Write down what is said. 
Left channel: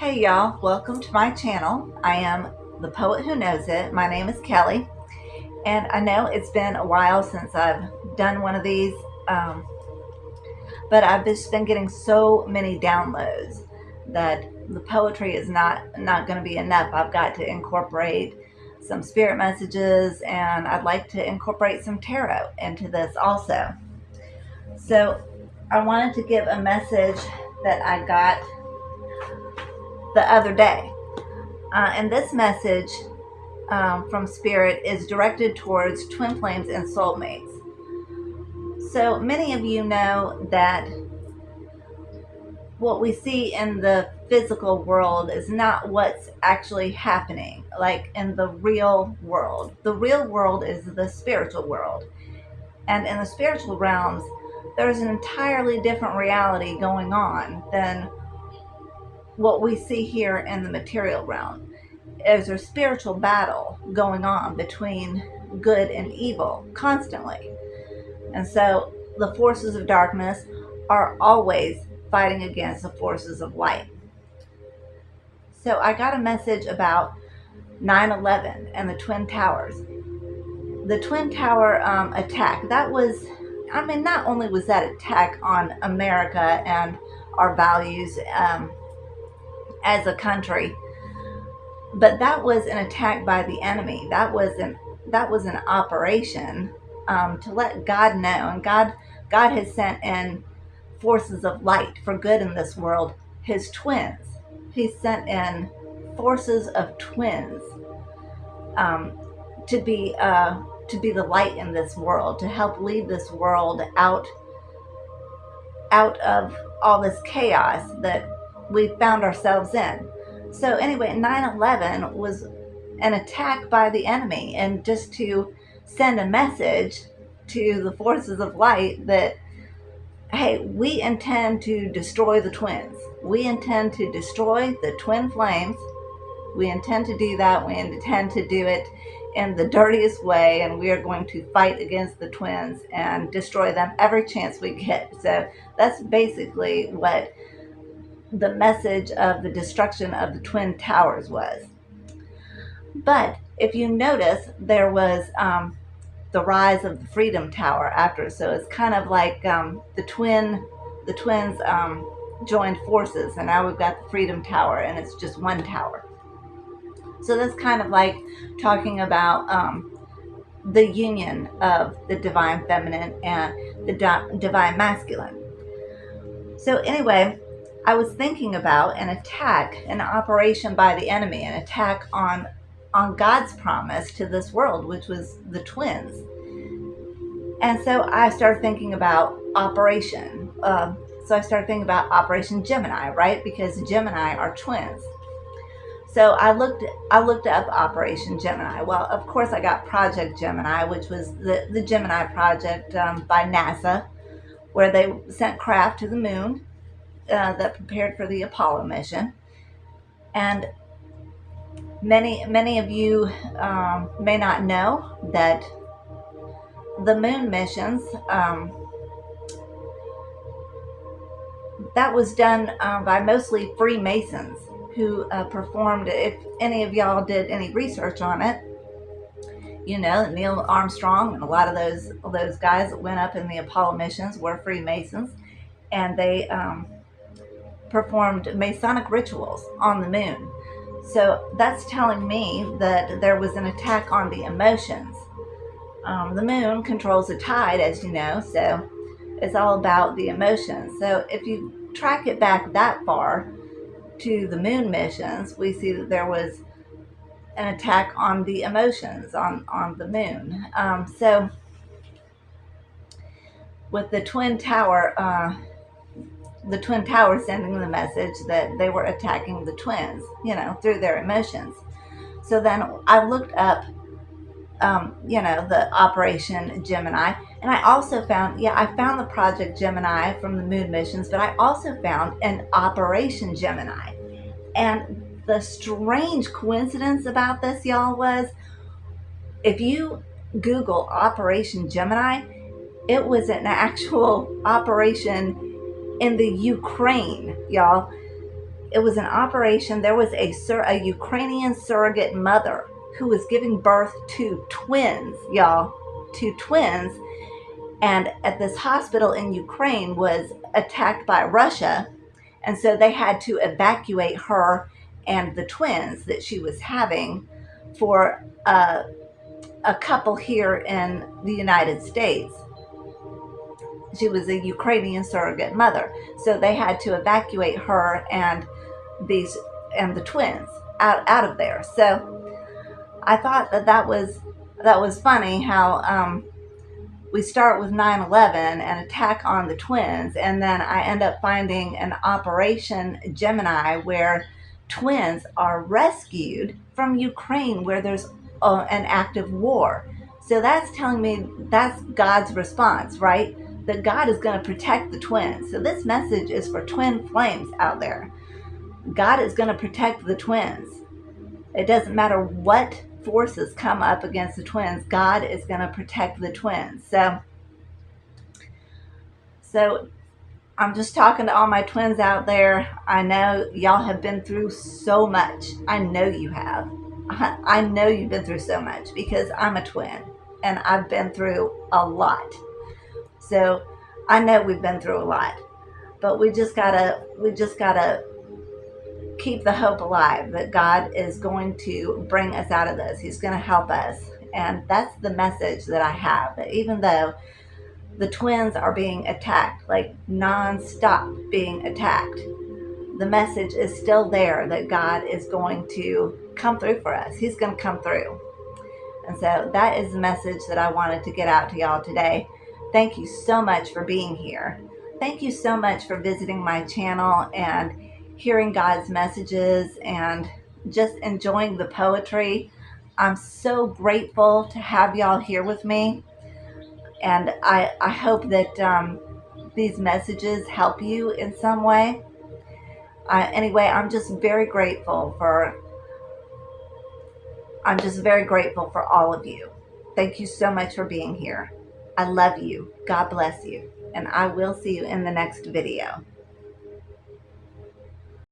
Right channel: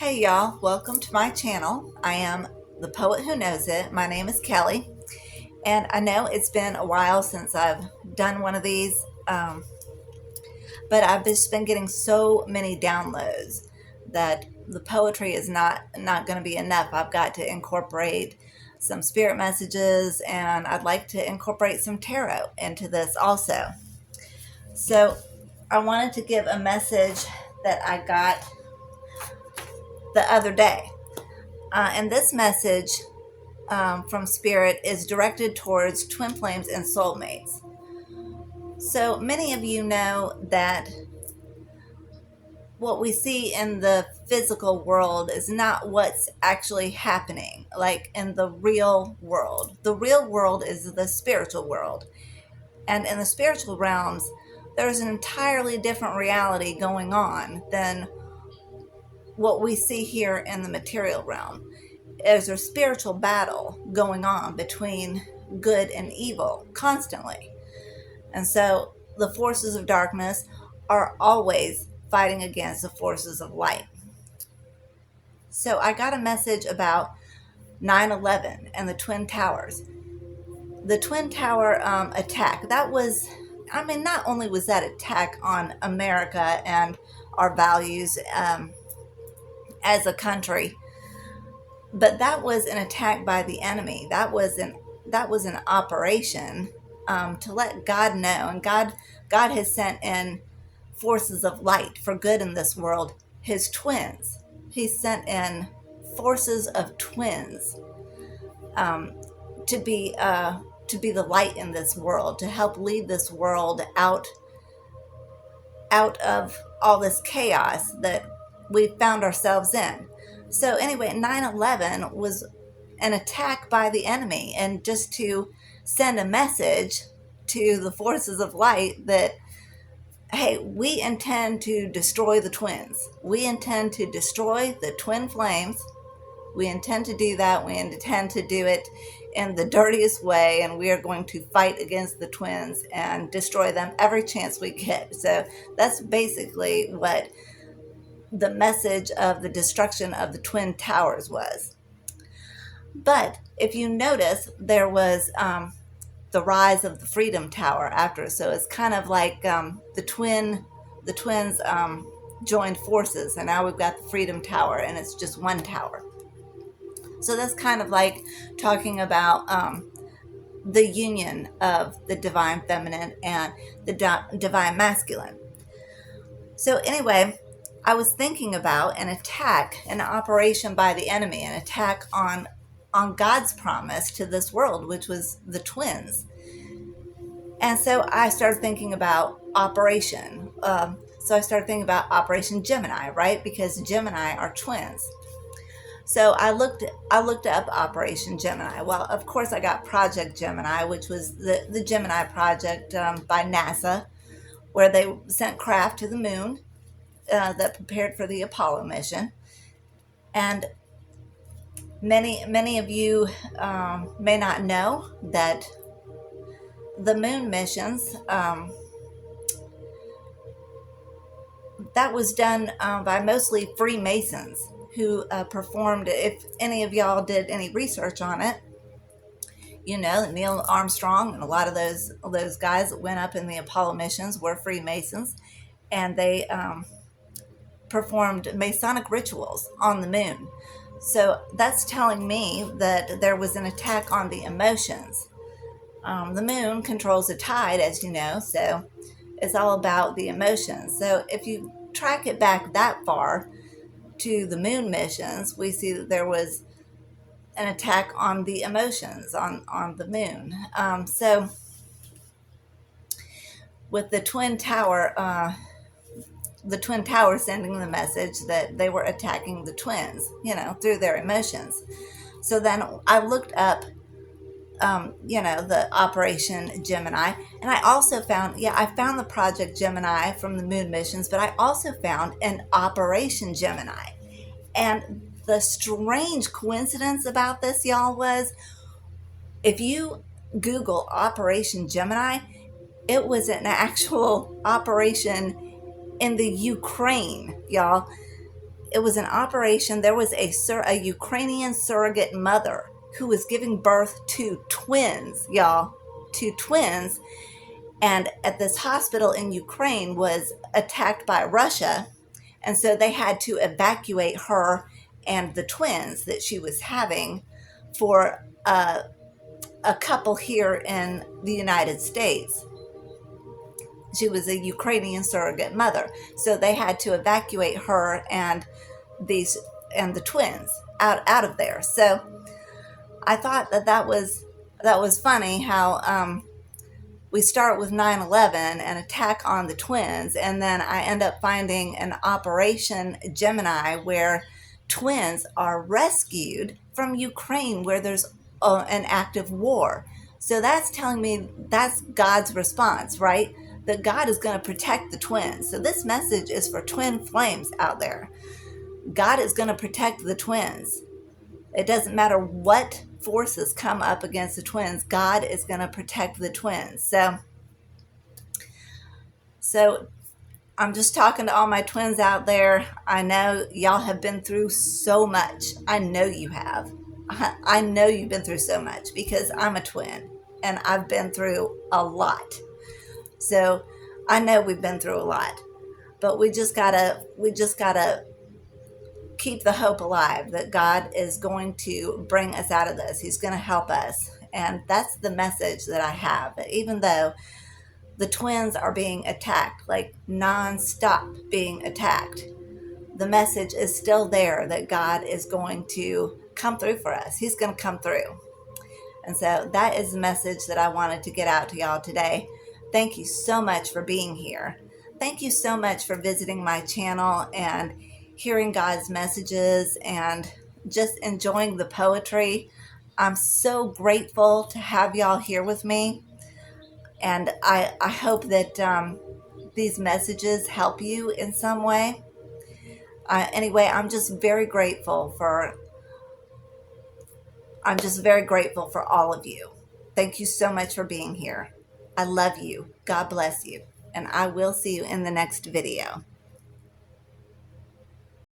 Hey y'all, welcome to my channel. I am the poet who knows it. My name is Kelly, and I know it's been a while since I've done one of these, um, but I've just been getting so many downloads that the poetry is not going to be enough. I've got to incorporate some spirit messages, and I'd like to incorporate some tarot into this also. So I wanted to give a message that I got the other day. And this message from Spirit is directed towards twin flames and soulmates. So many of you know that what we see in the physical world is not what's actually happening, like in the real world. The real world is the spiritual world. And in the spiritual realms, there's an entirely different reality going on than what we see here in the material realm. There's a spiritual battle going on between good and evil constantly. And so the forces of darkness are always fighting against the forces of light. So I got a message about 9/11 and the Twin Towers. The Twin Tower attack, that was, not only was that attack on America and our values as a country, but that was an attack by the enemy. That was an operation to let God know, and God has sent in forces of light for good in this world. His twins. He sent in forces of twins um, to be the light in this world, to help lead this world out of all this chaos that we found ourselves in. So anyway, 9/11 was an attack by the enemy, and just to send a message to the forces of light that, hey, we intend to destroy the twins. We intend to destroy the twin flames. We intend to do that. We intend to do it in the dirtiest way, and we are going to fight against the twins and destroy them every chance we get. So that's basically what the message of the destruction of the Twin Towers was. But if you notice, there was the rise of the Freedom Tower after. So it's kind of like the twins joined forces, and now we've got the Freedom Tower, and it's just one tower. So that's kind of like talking about the union of the divine feminine and the divine masculine. So anyway, I was thinking about an attack, an operation by the enemy, an attack on God's promise to this world, which was the twins. And so I started thinking about Operation. So I started thinking about Operation Gemini, right? Because Gemini are twins. So I looked up Operation Gemini. Well, of course, I got Project Gemini, which was the Gemini project by NASA, where they sent craft to the moon that prepared for the Apollo mission. And many of you may not know that the moon missions, that was done by mostly Freemasons who performed. If any of y'all did any research on it, you know Neil Armstrong and a lot of those guys that went up in the Apollo missions were Freemasons, and they performed Masonic rituals on the moon. So that's telling me that there was an attack on the emotions. The moon controls the tide, as you know, so it's all about the emotions. So if you track it back that far to the moon missions, we see that there was an attack on the emotions on the moon. So with the Twin Tower, sending the message that they were attacking the twins, through their emotions. So then I looked up, the Operation Gemini, and I also found, I found the Project Gemini from the moon missions, but I also found an Operation Gemini. And the strange coincidence about this, y'all, was if you Google Operation Gemini, it was an actual operation in the Ukraine, y'all. It was an operation. There was a Ukrainian surrogate mother who was giving birth to twins, y'all, to twins. And at this hospital in Ukraine was attacked by Russia. And so they had to evacuate her and the twins that she was having for a couple here in the United States. She was a Ukrainian surrogate mother. So they had to evacuate her and the twins out of there. So I thought that was funny how we start with 9/11, an attack on the twins, and then I end up finding an Operation Gemini where twins are rescued from Ukraine where there's an active war. So that's telling me that's God's response, right? That God is going to protect the twins. So this message is for twin flames out there. God is going to protect the twins. It doesn't matter what forces come up against the twins, God is going to protect the twins. So I'm just talking to all my twins out there. I know y'all have been through so much. I know you have. I know you've been through so much because I'm a twin and I've been through a lot. So I know we've been through a lot, but we just gotta keep the hope alive that God is going to bring us out of this. He's going to help us. And that's the message that I have. That even though the twins are being attacked, like non-stop being attacked, the message is still there that God is going to come through for us. He's going to come through. And so that is the message that I wanted to get out to y'all today. Thank you so much for being here. Thank you so much for visiting my channel and hearing God's messages and just enjoying the poetry. I'm so grateful to have y'all here with me. And I hope that these messages help you in some way. Anyway, I'm just very grateful for all of you. Thank you so much for being here. I love you. God bless you. And I will see you in the next video.